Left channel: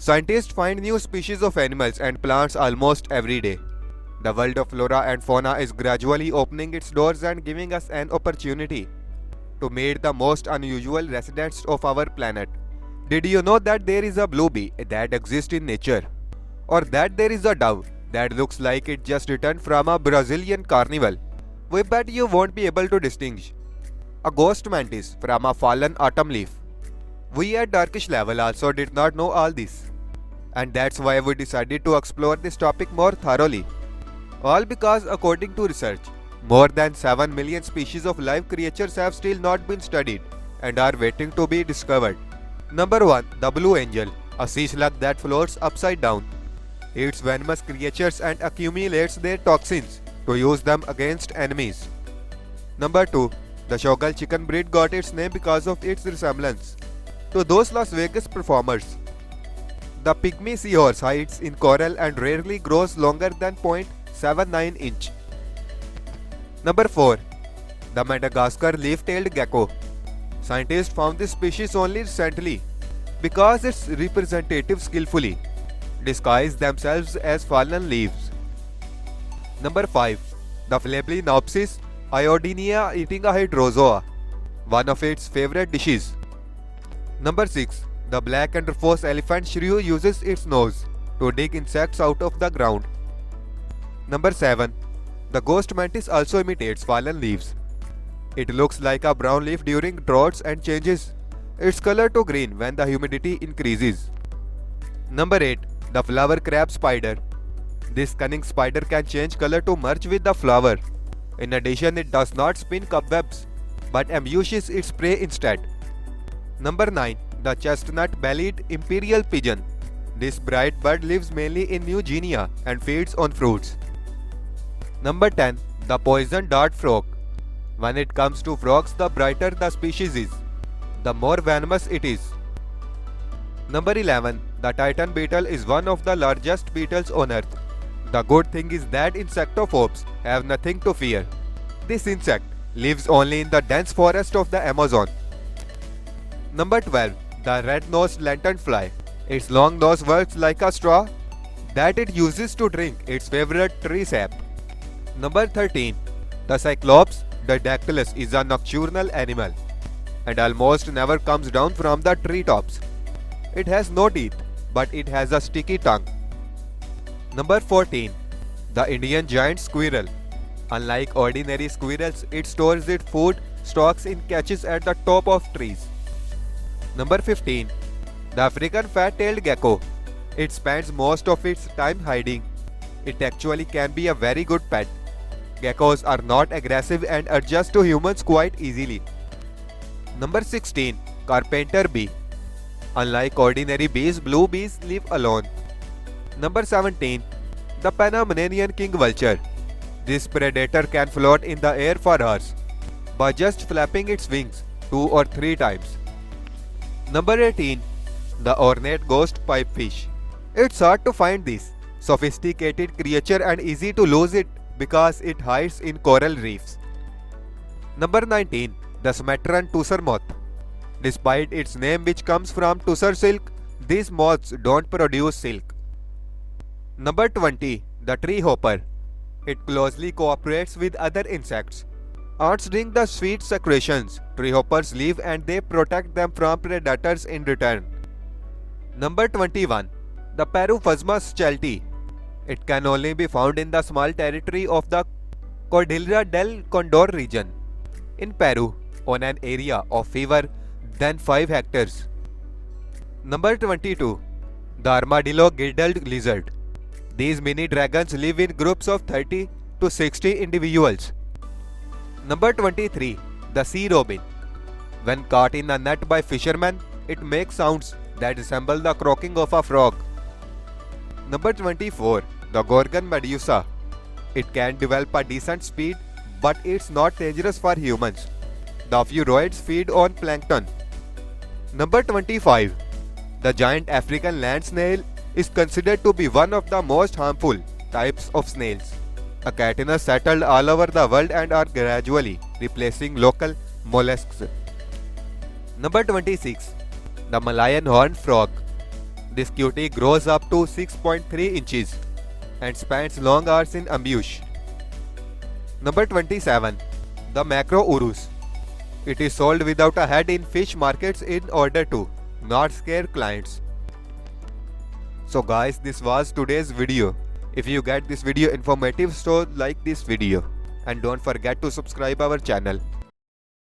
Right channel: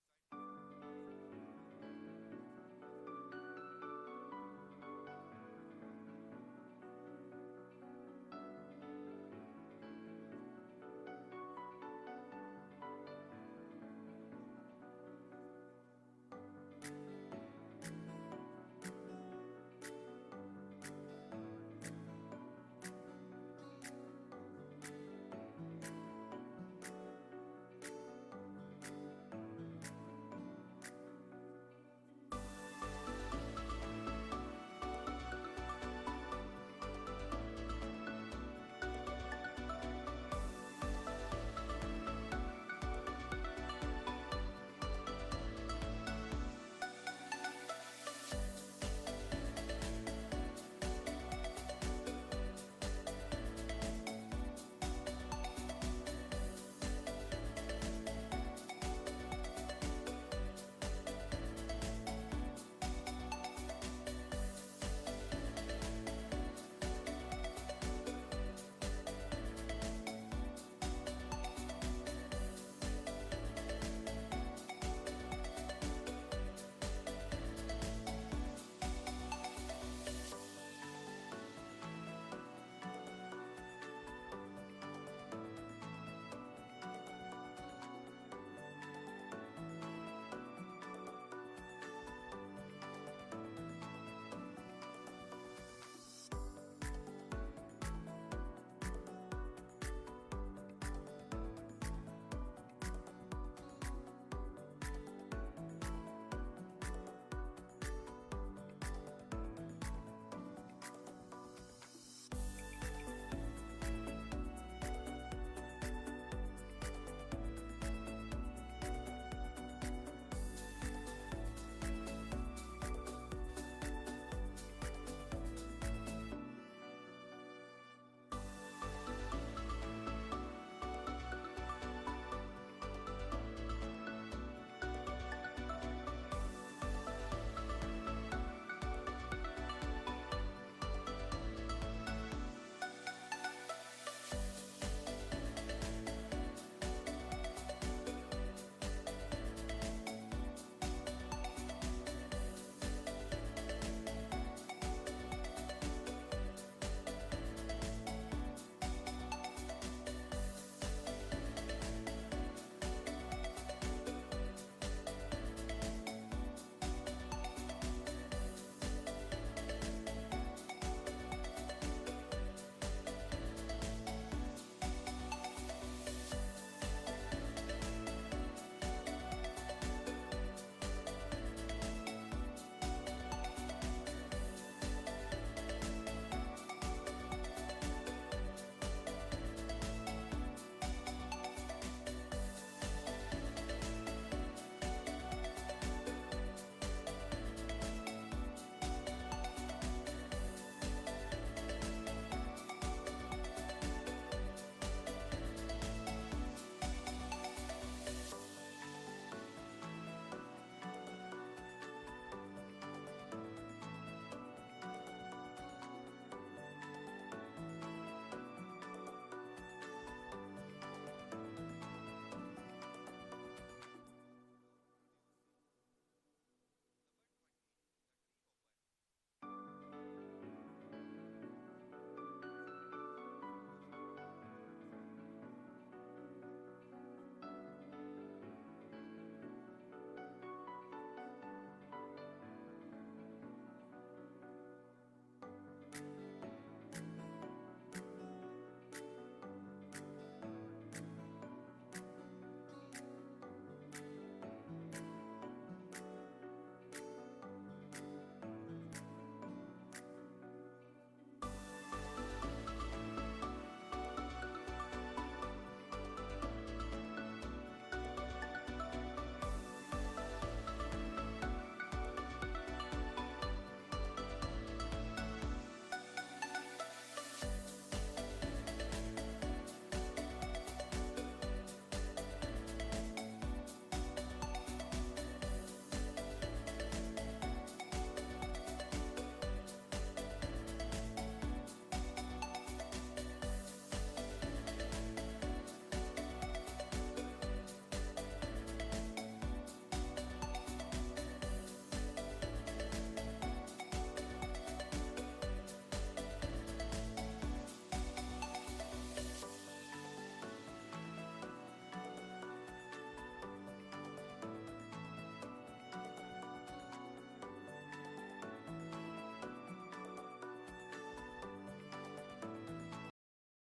Scientists find new species of animals and plants almost every day. The world of flora and fauna is gradually opening its doors and giving us an opportunity to meet the most unusual residents of our planet. Did you know that there is a blue bee that exists in nature? Or that there is a dove that looks like it just returned from a Brazilian carnival? We bet you won't be able to distinguish a ghost mantis from a fallen autumn leaf. We at Darkish Level also did not know all this, and that's why we decided to explore this topic more thoroughly. All because, according to research, more than 7 million species of live creatures have still not been studied and are waiting to be discovered. Number 1. The Blue Angel, a sea slug that floats upside down. Eats venomous creatures and accumulates their toxins to use them against enemies. Number 2. The Shogal chicken breed got its name because of its resemblance to those Las Vegas performers. The pygmy seahorse hides in coral and rarely grows longer than 0.79 inch. Number 4. The Madagascar leaf-tailed gecko. Scientists found this species only recently because its representatives skillfully disguise themselves as fallen leaves. Number 5. The Phalaenopsis iodinea eating a hydrozoa, one of its favorite dishes. Number 6. The black and rufous elephant shrew uses its nose to dig insects out of the ground. Number 7. The ghost mantis also imitates fallen leaves. It looks like a brown leaf during droughts and changes its color to green when the humidity increases. Number 8. The flower crab spider. This cunning spider can change color to merge with the flower. In addition, it does not spin cobwebs but ambushes its prey instead. Number 9. The chestnut-bellied imperial pigeon. This bright bird lives mainly in New Guinea and feeds on fruits. Number 10. The poison dart frog. When it comes to frogs, the brighter the species is, the more venomous it is. Number 11. The titan beetle is one of the largest beetles on earth. The good thing is that insectophobes have nothing to fear. This insect lives only in the dense forest of the Amazon. Number 12. The red-nosed lanternfly. Its long nose works like a straw that it uses to drink its favorite tree sap. Number 13. The Cyclops didactylus is a nocturnal animal and almost never comes down from the treetops. It has no teeth, but it has a sticky tongue. Number 14. The Indian giant squirrel. Unlike ordinary squirrels, it stores its food stocks in caches at the top of trees. Number 15. The African fat-tailed gecko. It spends most of its time hiding. It actually can be a very good pet. Geckos are not aggressive and adjust to humans quite easily. Number 16. Carpenter bee. Unlike ordinary bees, blue bees live alone. Number 17. The Panamanian king vulture. This predator can float in the air for hours by just flapping its wings 2 or 3 times. Number 18. The ornate ghost pipefish. It's hard to find this sophisticated creature and easy to lose it because it hides in coral reefs. Number 19. The Sumatran tussar moth. Despite its name, which comes from tussar silk, these moths don't produce silk. Number 20. The tree hopper. It closely cooperates with other insects. Ants drink the sweet secretions tree hoppers leave and they protect them from predators in return. Number 21. The Paruphasma chelti. It can only be found in the small territory of the Cordillera del Condor region in Peru on an area of fewer than 5 hectares. Number 22. The armadillo girdled lizard. These mini dragons live in groups of 30 to 60 individuals. Number 23. The sea robin. When caught in a net by fishermen, it makes sounds that resemble the croaking of a frog. Number 24. The Gorgon medusa. It can develop a decent speed, but it's not dangerous for humans. The Furoids feed on plankton. Number 25. The giant African land snail is considered to be one of the most harmful types of snails. Achatina settled all over the world and are gradually replacing local mollusks. Number 26. The Malayan horned frog. This cutie grows up to 6.3 inches and spends long hours in ambush. Number 27. The Macro Urus. It is sold without a head in fish markets in order to not scare clients. So guys, this was today's video. If you get this video informative, so like this video and don't forget to subscribe our channel.